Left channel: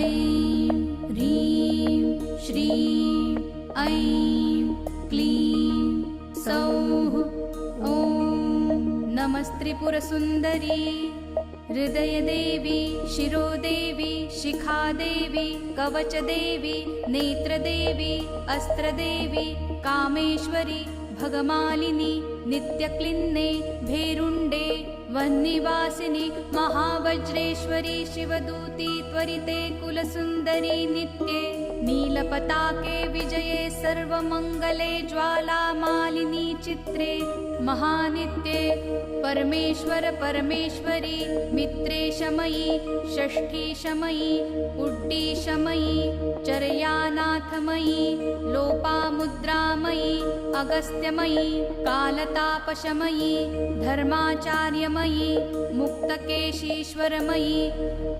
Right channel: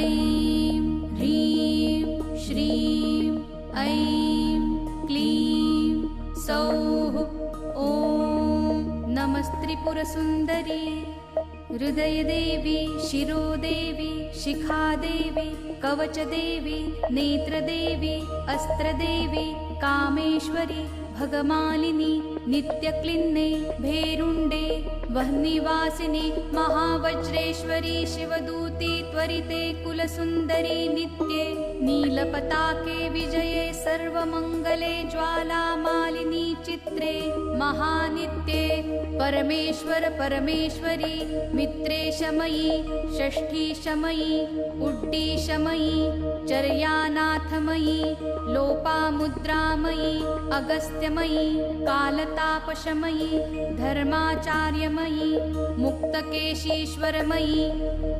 ऐं ह्रीं श्रीं ऐं क्लीं सौः ॐ नमस्त्रिपुरसुन्दरी हृदयदेवी शिरोदेवी शिखादेवी कवचदेवी नेत्रदेवी अस्त्रदेवी कामेश्वरी भगमालिनी नित्यक्लिन्ने भेरुण्डे वह्निवासिनी महावज्रेश्वरी शिवदूती त्वरिते कुलसुन्दरी नित्ये नीलपताके विजये सर्वमङ्गले ज्वालामालिनी चित्रे महानित्ये परमेश्वर परमेश्वरी मित्रेशमयी षष्ठीशमयी उड्डीशमयी चर्यानाथमयी लोपामुद्रामयी अगस्त्यमयी कालतापशमयी धर्माचार्यमयी मुक्तकेशीश्वरमयी